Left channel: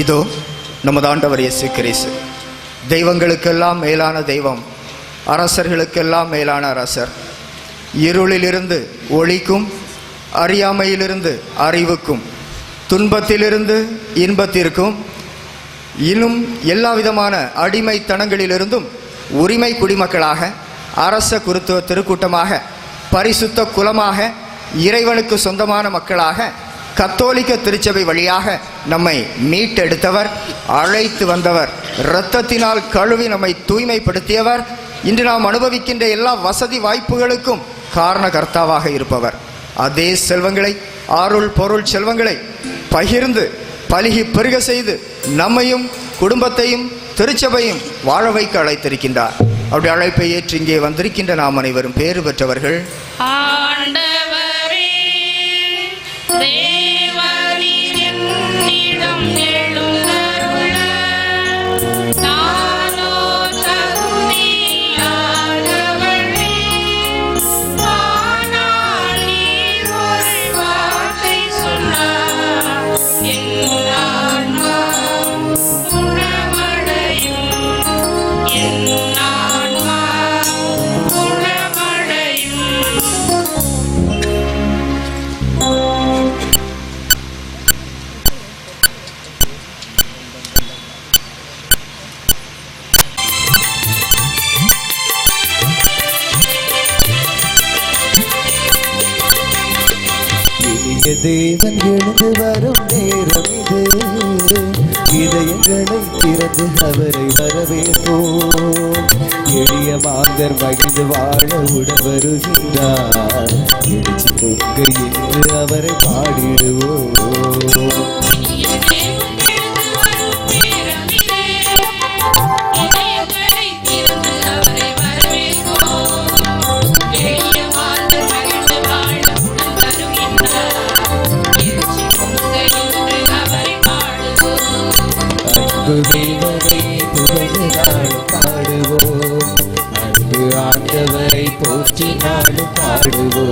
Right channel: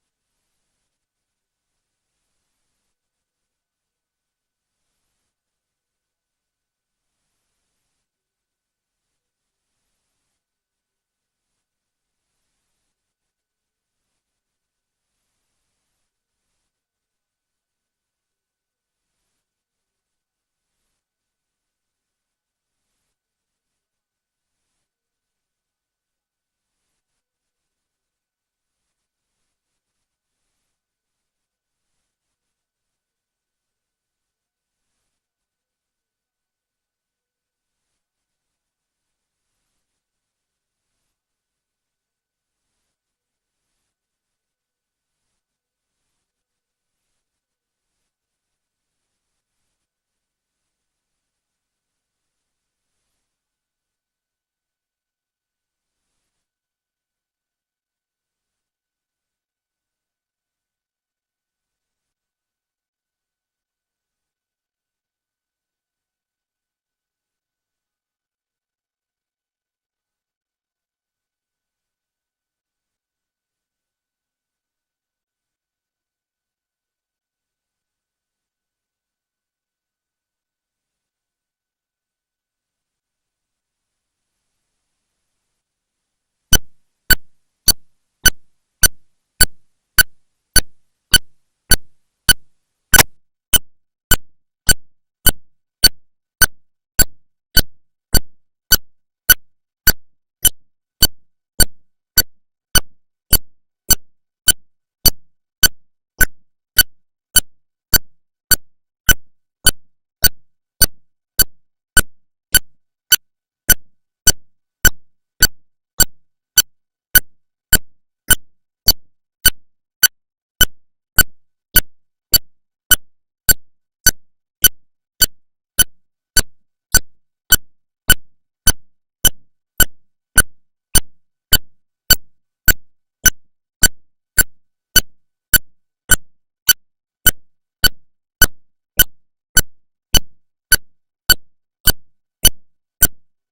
இதோ நமது ஆண்டவர் இயேசு கிறிஸ்து, தெய்வங்களுக்கெல்லாம் மேலான தெய்வம், அரசர்களுக்கெல்லாம் மேலான அரசர், இருளிலிருந்து ஒளிக்கும், அறியாமையிலிருந்து அறிவுக்கும், துன்பத்திலிருந்து இன்பத்திற்கும், இன்னும் எல்லா விதமான அடிமைத்தனங்களிலிருந்தும் உரிமை குடிமக்களாக, அரச குருத்துவ திருக்கூட்டமாக, பரிசுத்த குலமாக, இறைவனுக்கு சொந்தமான மக்களாக, கத்தோலிக்க திருச்சபை வழியாக நம்மை மீட்டெடுத்தவர், அழைத்து வந்தவர், இரத்தத்தினால் கழுவி நம்மை தூய்மைப்படுத்தியவர், இன்று நாம் அனுபவிக்கின்ற எல்லா வசதி வாய்ப்புகளுக்கும் காரணகர்த்தாவாக இருப்பவர். அதே செல்வங்களை, அருள் பொருள் செல்வங்களை பகிர்ந்து பலுகி பெருக செய்து நம்மையும் குடும்பத்தையும் திருச்சபையும் வாழ வைக்க அழைத்திருக்கின்றார். அவருடைய அழைப்பை ஏற்று இங்கே வந்திருக்கின்ற நாம் அனைவரும் பேறு பெற்றவர்கள். தேவன் எழுந்து வரும் நேரம் இது, இதயங்களை திறந்து அவரை வரவேற்போம். எளிய மாந்தர் மகிழ்ந்து வாழ உடன் வருகின்றார். எழுச்சி பொங்க என்று அவரை பாடிடுவோம். தேவரை புகழ்ந்து நாளும் பாடுவோம், அன்பு ஆண்டவரை போற்றி நாளும் பாடுவோம்.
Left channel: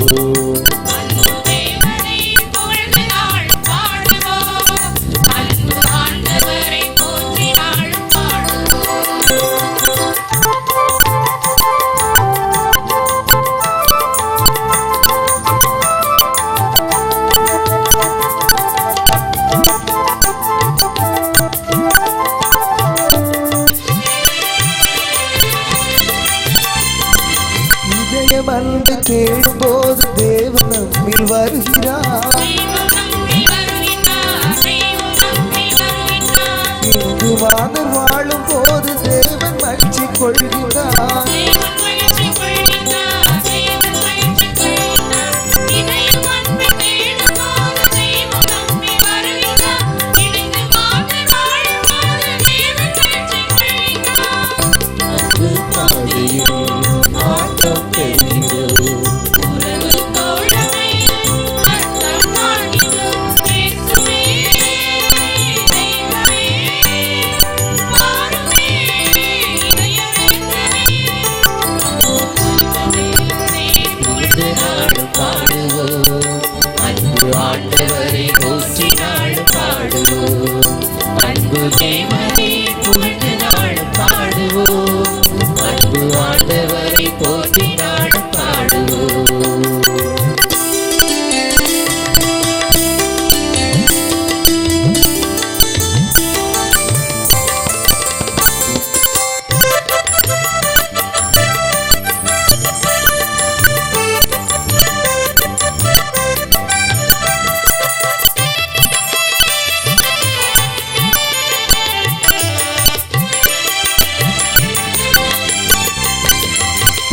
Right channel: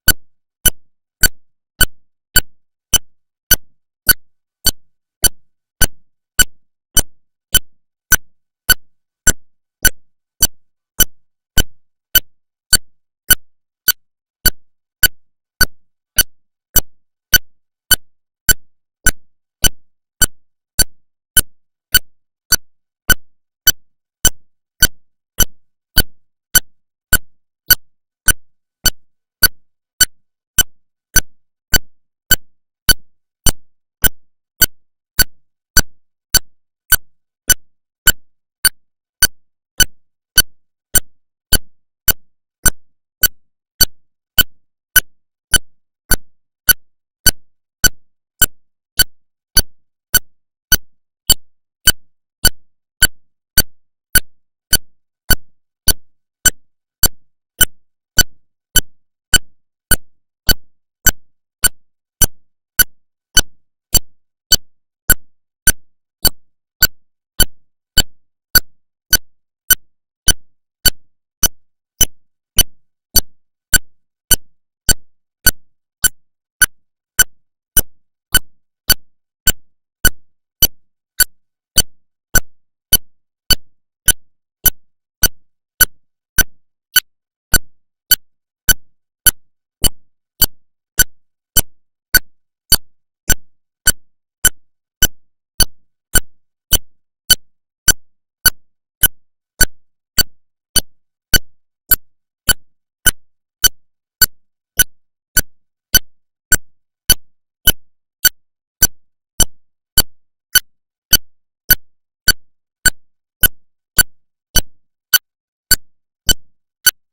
அன்பு தேடும் போது தேவன் நம்மில் வருகிறார். இங்கு மாதர் வாழும் போது தேவன் மகிழ்ச்சி கொள்கிறார்.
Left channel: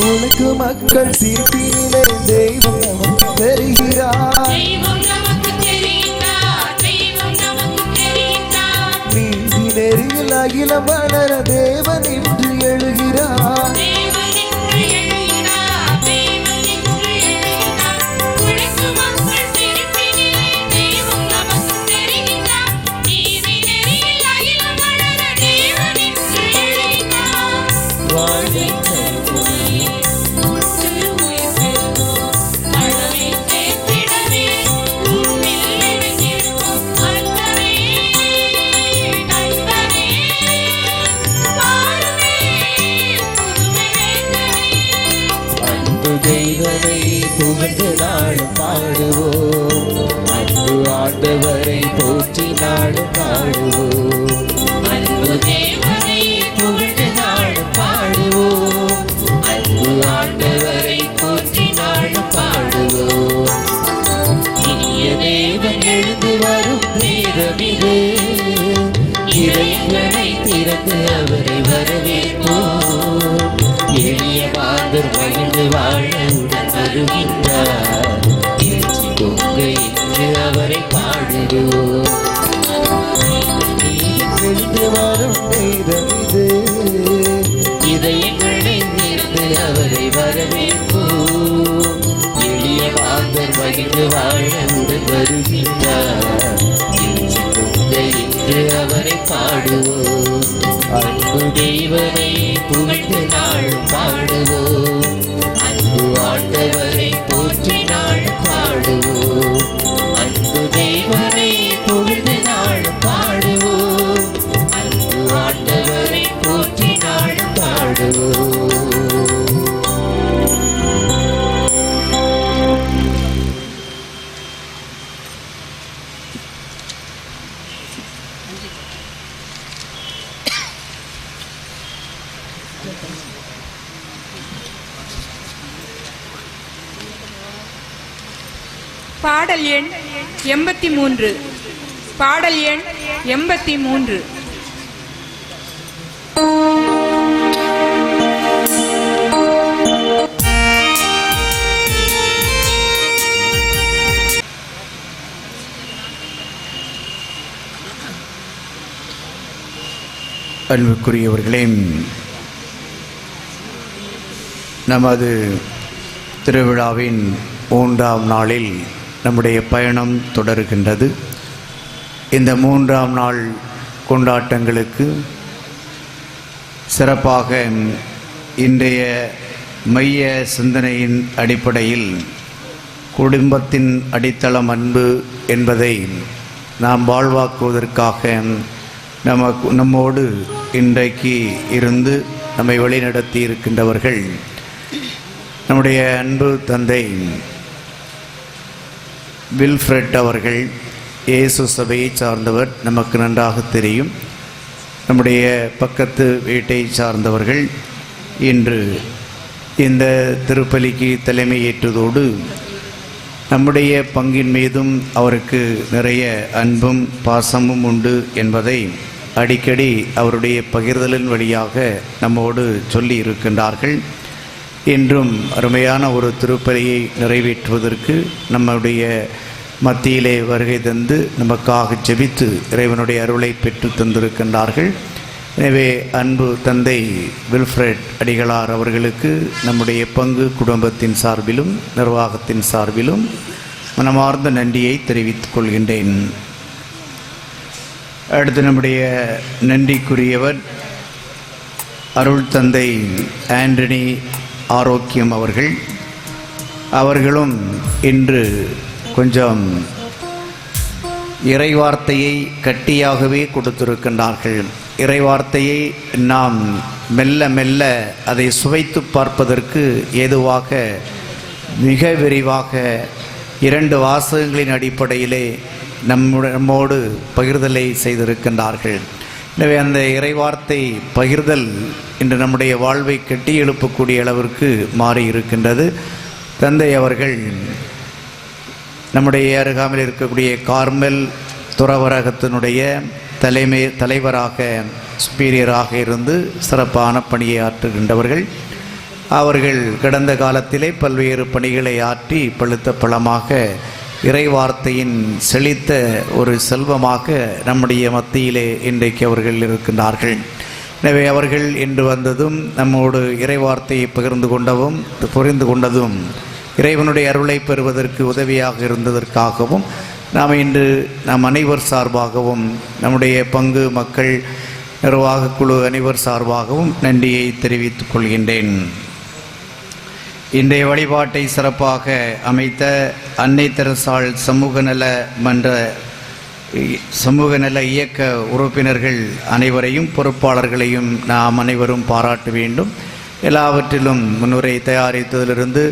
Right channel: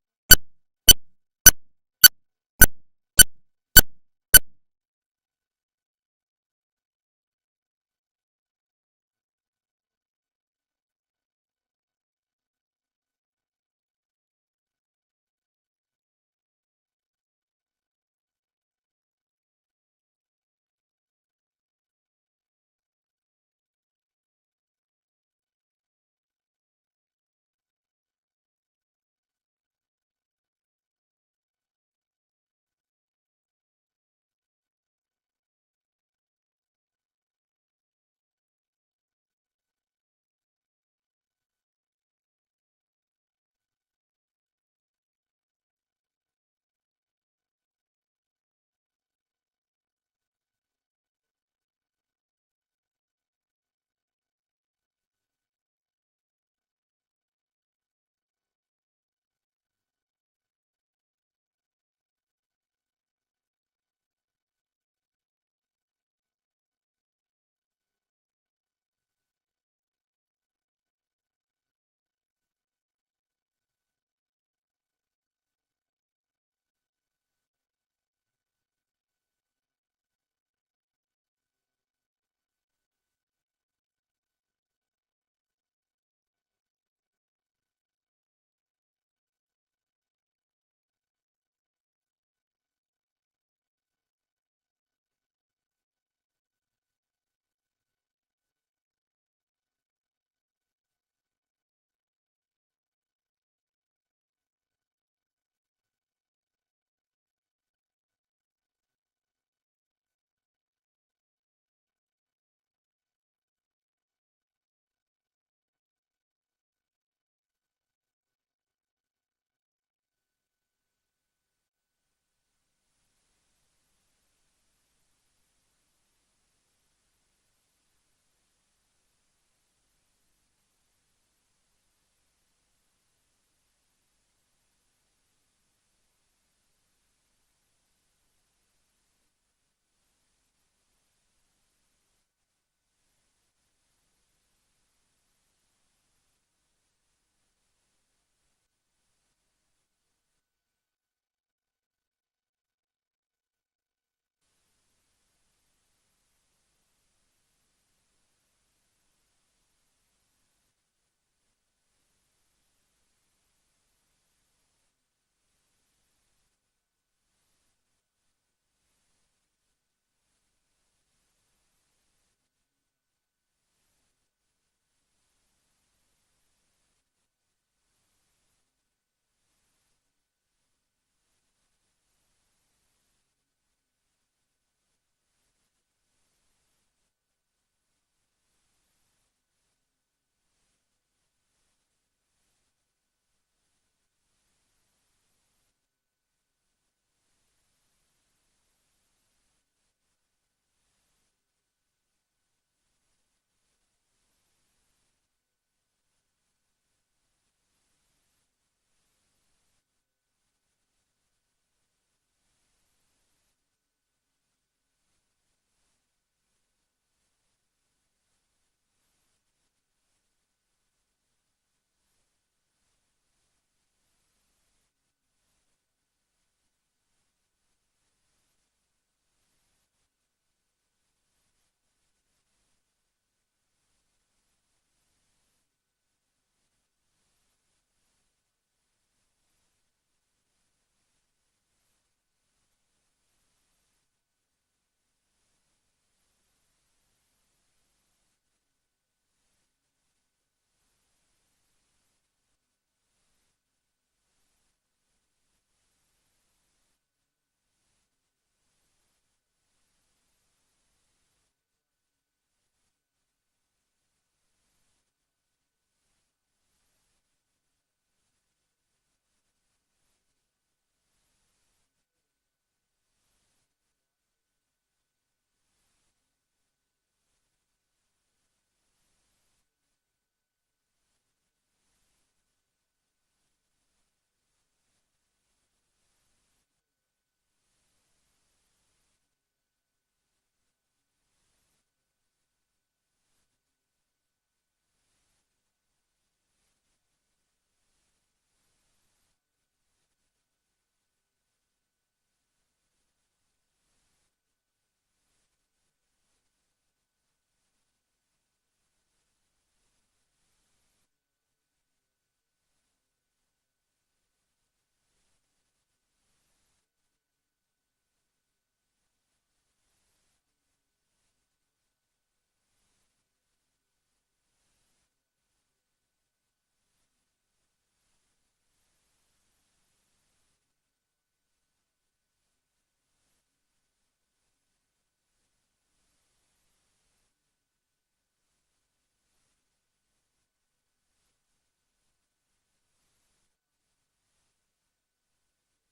உனக்கு மக்கள் சிரிப்பினிலே தெய்வம் நமக்கு தெரிகிறார். நீதி நெறியில் அகிலம் வளர தேவன் இன்று எழுகிறார். வருகின்றார். எழுச்சி பொங்க என்று அவரை பாடுவோம். சென்று வரும் நேரம் இது. இதயங்களை நேர்ந்து அவரை வரவேற்போம். எளிய மாந்தர் மகிழ்ந்து வாழ உடன் வருகின்றார். எழுச்சி பொங்க என்று அவரை பாடுவோம். அன்பு தெய்வனை புகழ்ந்து நாளும் பாடுவோம். அன்பு ஆண்டவரை போற்றி நாளும் பாடுவோம். அன்பு தெய்வனை புகழ்ந்து நாளும் பாடுவோம். அன்பு ஆண்டவரை போற்றி நாளும் பாடுவோம். பாடல் எண் 83. பாடல் எண் 83. அன்புக்குரியவர்களே, நமது திருவிழாவின் 3ஆம் நாளில் நம்முடைய பயணம் தொடர்கின்றது. இந்த 3ஆம் நாள் கொண்டாட்டங்களுக்கு சிறப்பாக இன்றைய மைய சிந்தனையின் அடிப்படையில் குடும்பத்தின் அடித்தளம் அன்பு என்பதை நாம் வாழ்வாக்குவதற்காக நம்மோடு இன்றைக்கு இருந்து நம்மை வழிநடத்தி இருக்கின்றவர்கள் நம்முடைய அன்பு தந்தை வில்ஃப்ரெட் அவர்கள். இயேசு சபையை சார்ந்தவர், நமக்கு நன்றாக தெரியும். நம்முடைய பக்கத்து வீட்டை சார்ந்தவர்கள் இன்று இந்த திருப்பலிக்கு தலைமையேற்றதோடு நம்முடைய பங்கின் மீதும் அவருக்கு நிறைய அன்பும் பாசமும் உண்டு என்பதை அடிக்கடி அவருடைய பகிர்தலின் வழியாக நம்மோடு சொல்லி இருக்கின்றார்கள். இன்றும் அருமையான ஒரு திருப்பலியை நிறைவேற்றுவதற்கு நம்முடைய மத்தியிலே வருகை தந்து நமக்காக ஜெபித்து இறைவனுடைய அருளை பெற்று தந்திருக்கின்றார்கள். எனவே அன்பு தந்தை வில்ஃப்ரெட் அடிகளார் அவர்களுக்கு நம்முடைய பங்கு குடும்பத்தின் சார்பிலும் நிர்வாகத்தின் சார்பிலும் மனமார்ந்த நன்றியை தெரிவித்துக் கொள்கின்றேன். அடுத்து நம்முடைய நன்றிக்குரியவர் அருள் தந்தை ஆண்டனி ஆரோக்கியம் அவர்களும் இன்று கொஞ்சம் இறைவார்த்தையை கட்டியாகவே கொடுத்திருக்கின்றார்கள். இறைவார்த்தையை நாம் மெல்ல மெல்ல அதை சுவைத்து பார்ப்பதற்கு ஏதுவாக மிக விரிவாக 2 வாசகங்களின் அடிப்படையிலே நம்மோடு பகிர்தலை செய்திருக்கின்றார்கள். எனவே அந்த இறைவார்த்தை பகிர்தல் இன்று நம்முடைய வாழ்வை கட்டி எழுப்பக்கூடிய அளவிற்கு மாறி இருக்கின்றது. தந்தை அவர்கள் நம்முடைய அருகாமையில் இருக்கக்கூடிய கார்மெல் துறவரகத்தினுடைய தலைவராக சுப்பீரியராக இருந்து சிறப்பான பணியை ஆற்றுகின்றவர்கள். அவர்கள் கடந்த காலத்திலே பல்வேறு பணிகளை ஆற்றி பழுத்த பழமாக இறைவார்த்தையின் செழித்த ஒரு செல்வமாக நம்முடைய மத்தியிலே இன்றைக்கு அவர்கள் இருக்கின்றார்கள். எனவே அவர்கள் இன்று வந்ததும் நம்மோடு இறைவார்த்தையை புரிந்து கொண்டதும் இறைவனுடைய அருளை பெறுவதற்கு உதவியாக இருந்ததற்காகவும் நாம் அனைவர் சார்பாகவும் நம்முடைய பங்கு மக்கள் நிர்வாக குழு அனைவர் சார்பாகவும் நன்றியை தெரிவித்துக் கொள்கின்றேன். இன்றைய வழிபாட்டை சிறப்பாக அமைத்த அன்னை தெரசாள் சமூக நல இயக்க உறுப்பினர்கள் அனைவரையும் பொறுப்பாளர்களையும் நாம் அனைவரும் பாராட்ட வேண்டும். எல்லாவற்றிலும் முன்னுரை தயாரித்ததிலிருந்து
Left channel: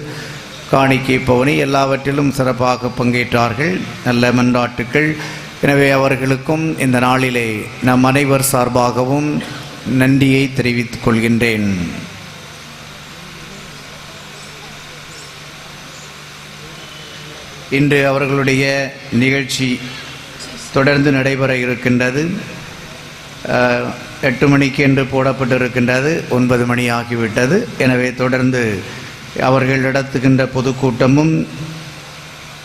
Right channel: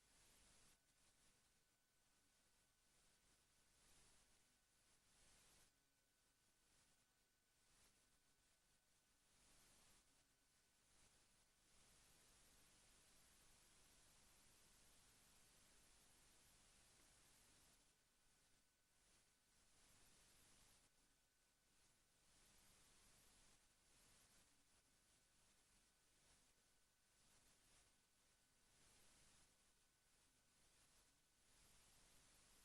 காணிக்கை பவனி எல்லாவற்றிலும் சிறப்பாக பங்கேற்றார்கள். நல்ல மன்றாட்டுக்கள். எனவே அவர்களுக்கும் இந்த நாளிலே நம் அனைவர் சார்பாகவும் நன்றியை தெரிவித்துக் கொள்கின்றேன். இன்று அவர்களுடைய நிகழ்ச்சி தொடர்ந்து நடைபெற இருக்கின்றது. 8 மணிக்கு என்று போடப்பட்டிருக்கின்றது. 9 மணி ஆகிவிட்டது. எனவே தொடர்ந்து அவர்கள் நடத்துகின்ற பொதுக்கூட்டமும்,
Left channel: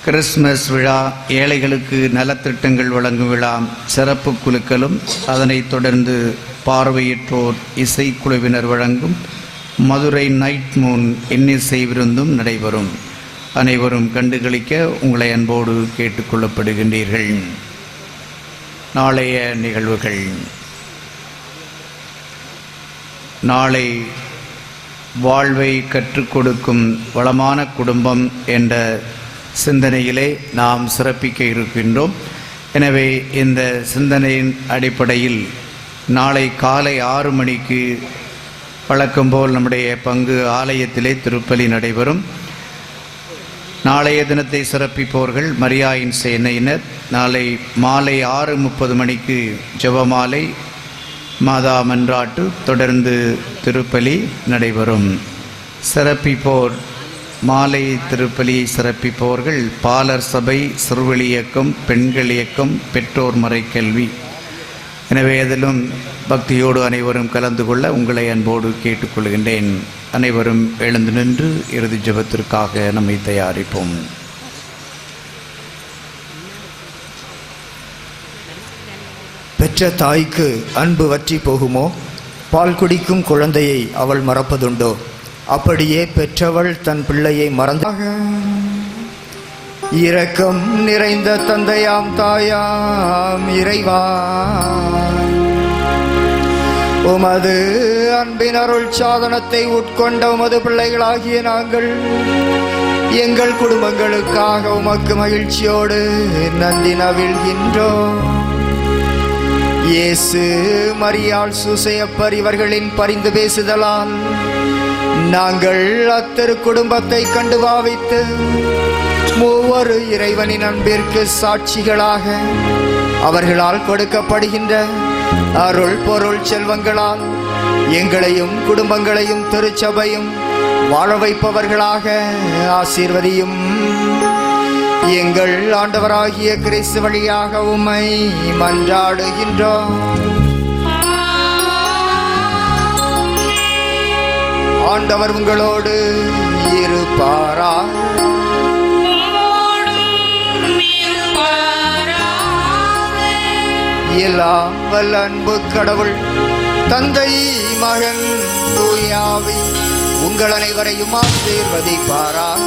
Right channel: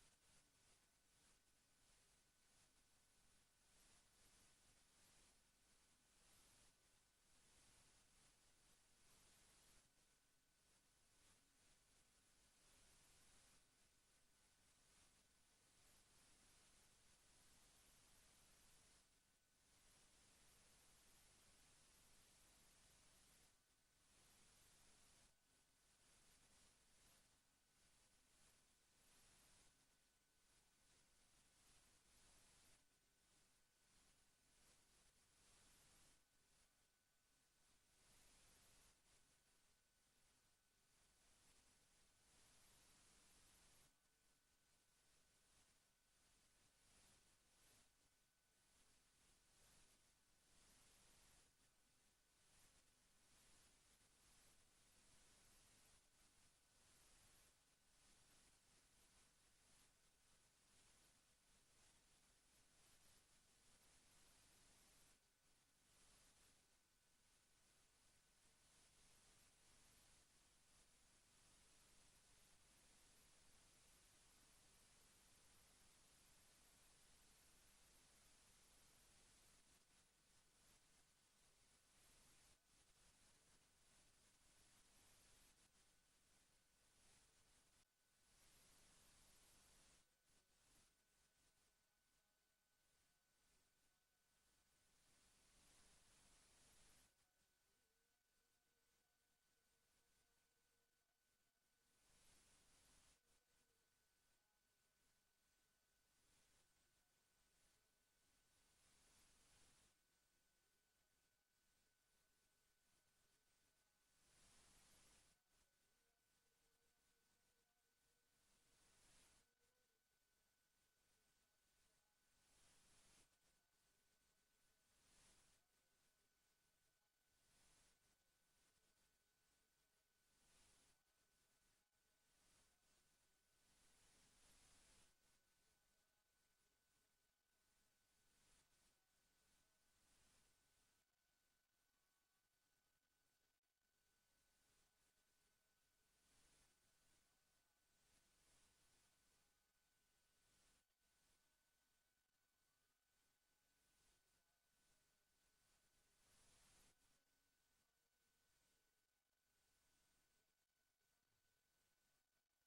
கிறிஸ்மஸ் விழா, ஏழைகளுக்கு நலத்திட்டங்கள் வழங்கும் விழா, சிறப்பு குழுக்களும், அதனைத் தொடர்ந்து பார்வையற்றோர் இசைக்குழுவினர் வழங்கும் மதுரை நைட் மூன் இன்னிசை விருந்தும் நடைபெறும். அனைவரும் கண்டுகளிக்க உங்களை அன்போடு கேட்டுக்கொள்ளப்படுகின்றீர்கள். நாளைய நிகழ்வுகள். நாளை வாழ்வை கற்றுக் கொடுக்கும் வளமான குடும்பம் என்ற சிந்தனையிலே நாம் சிறப்பிக்க இருக்கின்றோம். எனவே இந்த சிந்தனையின் அடிப்படையில் நாளை காலை 6 மணிக்கு வழக்கம்போல் நம்முடைய பங்கு ஆலயத்திலே திருப்பலி நடைபெறும். நாளைய தினத்தை சிறப்பிப்பவர்கள் மரியாயின் சேனையினர். நாளை மாலை 6:30 மணிக்கு ஜெபமாலை, மாதா மன்றாட்டு, தொடர்ந்து திருப்பலி நடைபெறும். சிறப்பிப்போர் மாலை திருப்பலியை சிறப்பிப்பவர்கள் பாலர் சபை, சிறுவெளி இயக்கம், பெண்கள் இயக்கம், பெற்றோர் மறைக்கல்வி. எனவே அதிலும் பக்தியோடு அனைவரும் கலந்து கொள்ள உங்களை அன்போடு கேட்டுக்கொள்கின்றேன். அனைவரும் எழுந்து நின்று இறுதி ஜெபத்திற்காக நம்மை தயாரிப்போம். பெற்ற தாய்க்கு அன்பு வற்றி போகுமோ? பால் குடிக்கும் குழந்தையை அவள் மறப்பதுண்டோ? அப்படியே பெற்றவள் தன் பிள்ளையை மறந்தாக. இரக்கம் நிறைந்த தந்தையாம் தாயாம் இறைவா, உமது அன்பின் அருள் சாதனத்தை உட்கொண்ட உமது பிள்ளைகளாகிய நாங்கள் எங்கள் குடும்பங்களுக்காக உமக்கு மகிழ்ச்சியோடு நன்றி நவிழ்கின்றோம். இயேசு, மரியாள், சூசையப்பர் இவர்களின் பரிந்து பேசுதலால் நாங்கள் அத்திரு குடும்பத்தை கண்டு பாவித்து மூவரு இறைவனின் அன்பிற்கு சாட்சிகளாக அவர்களால் கொடுக்கப்படுகின்ற அருள் பொருள் செல்வங்களால் எங்களையும் குடும்பங்களையும் திருச்சபையும் வாழ வைப்பவர்களாக ஆசீர்வதியும். எங்கள் ஆண்டவராகிய கிறிஸ்து வழியாக உம்மை மன்றாடுகின்றோம். ஆண்டவர் உங்களோடு இருப்பாராக. எல்லாம் வல்ல அன்பு கடவுள் தந்தை, மகன், தூய ஆவி உங்கள் அனைவரையும் ஆசீர்வதிப்பாராக.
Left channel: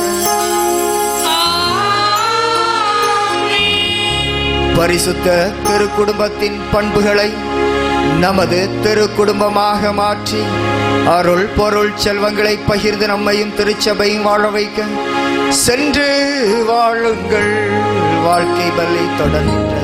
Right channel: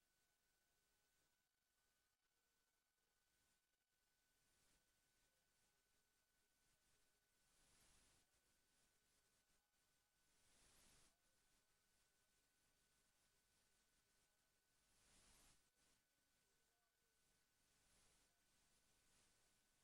பரிசுத்த திருக்குடும்பத்தின் பண்புகளை நமது திருக்குடும்பமாக மாற்றி அருள் பொருள் செல்வங்களை பகிர்ந்து நம்மையும் திருச்சபையும் வாழ வைக்க சென்று வாழுங்கள். வாழ்க்கை பலி தொடர்கின்ற